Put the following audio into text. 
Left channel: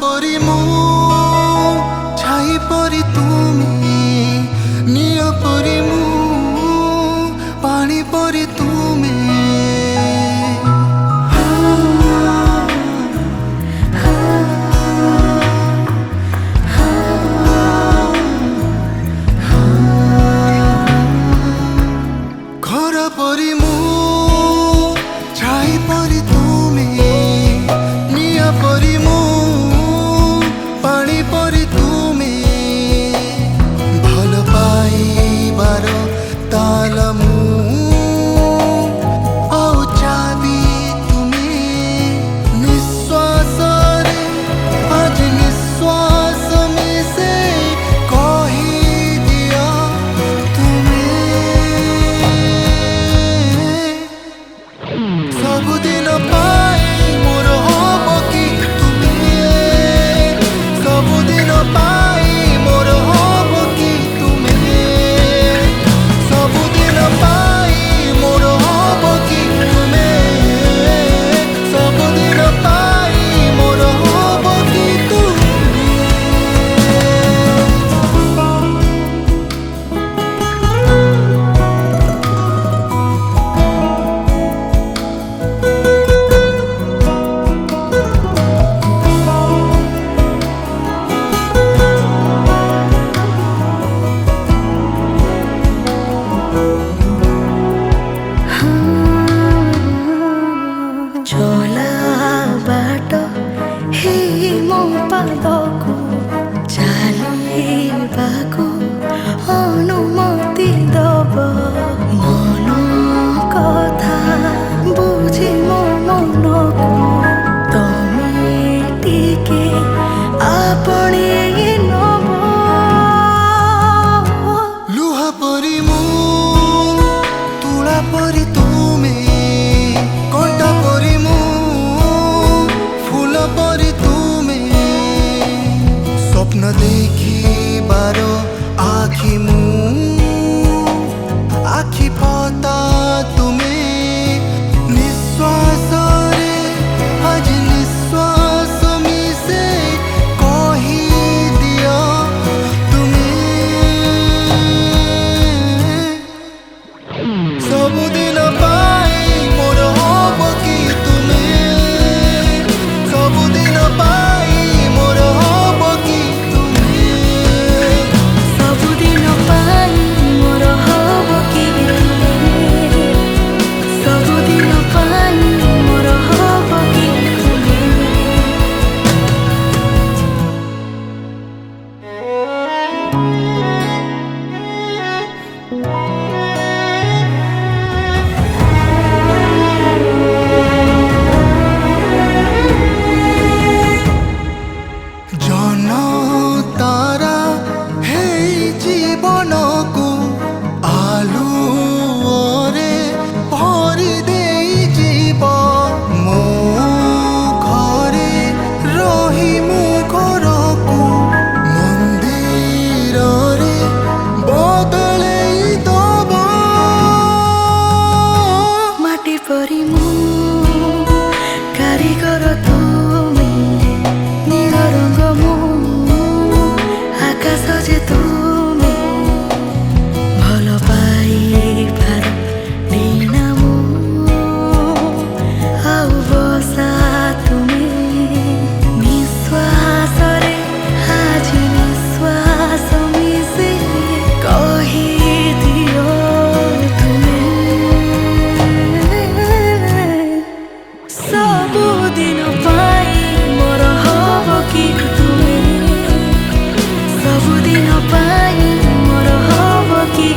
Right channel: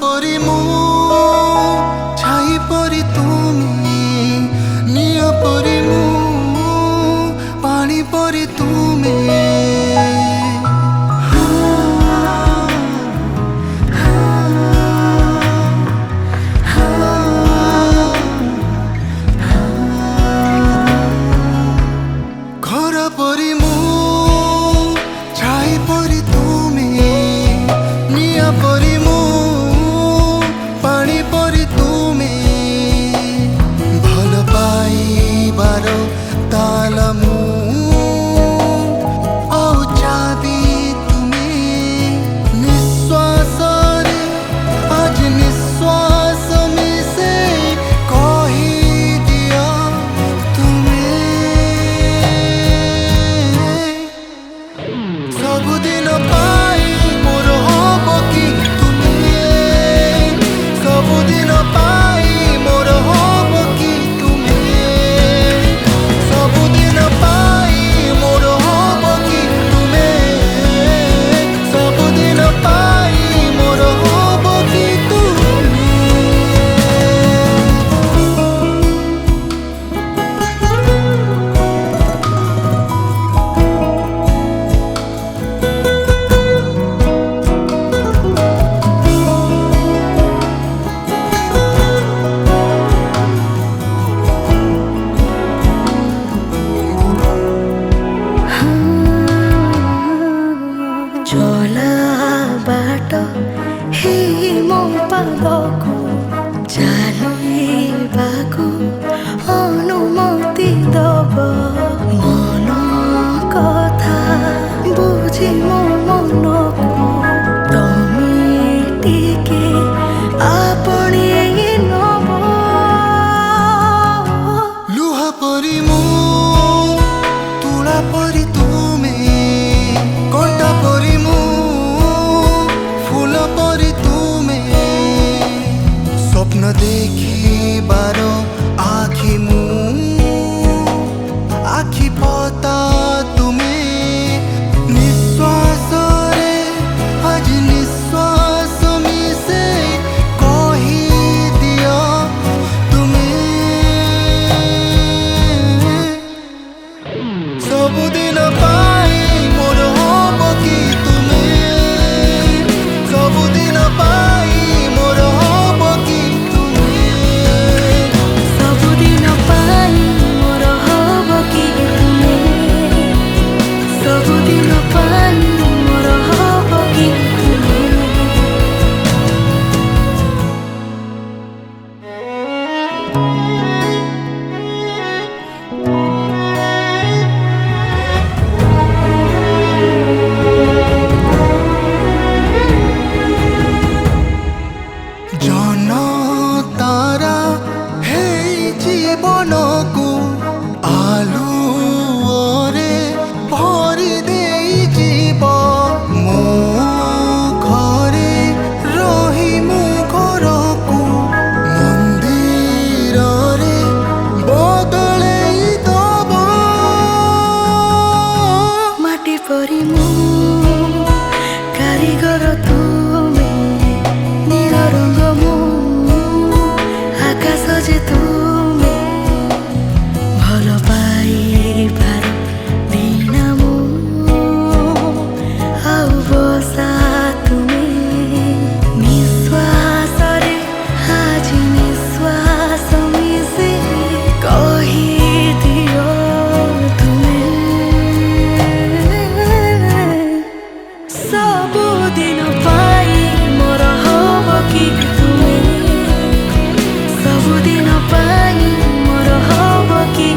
परी मु छाई परी तुमी निय परी मु पानी परी तुमी घर परी मु छाई परी तुमी निय परी मु पानी परी तुमे भल पाइबार ताल मु आउ चाबी तुमे निश्वास रे आज निश्वास मिसे कही दिया तुमे सबुदिन पाई मोर हब कि सबुदिन पाई मोर हब कि तुमे सबुदिन पाई मोर हब कि तुमे सबुदिन पाई मोर हब कि तुमे चला बाट हे मो पादकु चालिबाकु अनुमति दब मन कथा बुझी मो मनकु तमे टिके आपणे नब लुहा परी मु तुला परी तुमे कंटा परी मु फूल परी तुमे स्वप्न देखिबार आखि मु आखि पता तुमे निश्वास रे आज निश्वास मिसे कही दिया तुमे सबुदिन पाई मोर हब कि तुमे सबुदिन पाई मोर हब कि तुमे सबुदिन पाई मोर हब कि तुमे सबुदिन पाई मोर हब कि तुमे जन तारा हे जीवन को आलुओरे भरी देई जीव मो घरे रही मु घर को मंदिर रे बदलई दब माटी परी मु कारीगर तुमे नील रंग मु आकाश जे तुमे भल पाइबार दिन मु आउ बसा तुमे निश्वास रे आज निश्वास मिसे कही दियो तुमे सबुदिन पाई मोर हब कि तुमे सबुदिन पाई मोर हब कि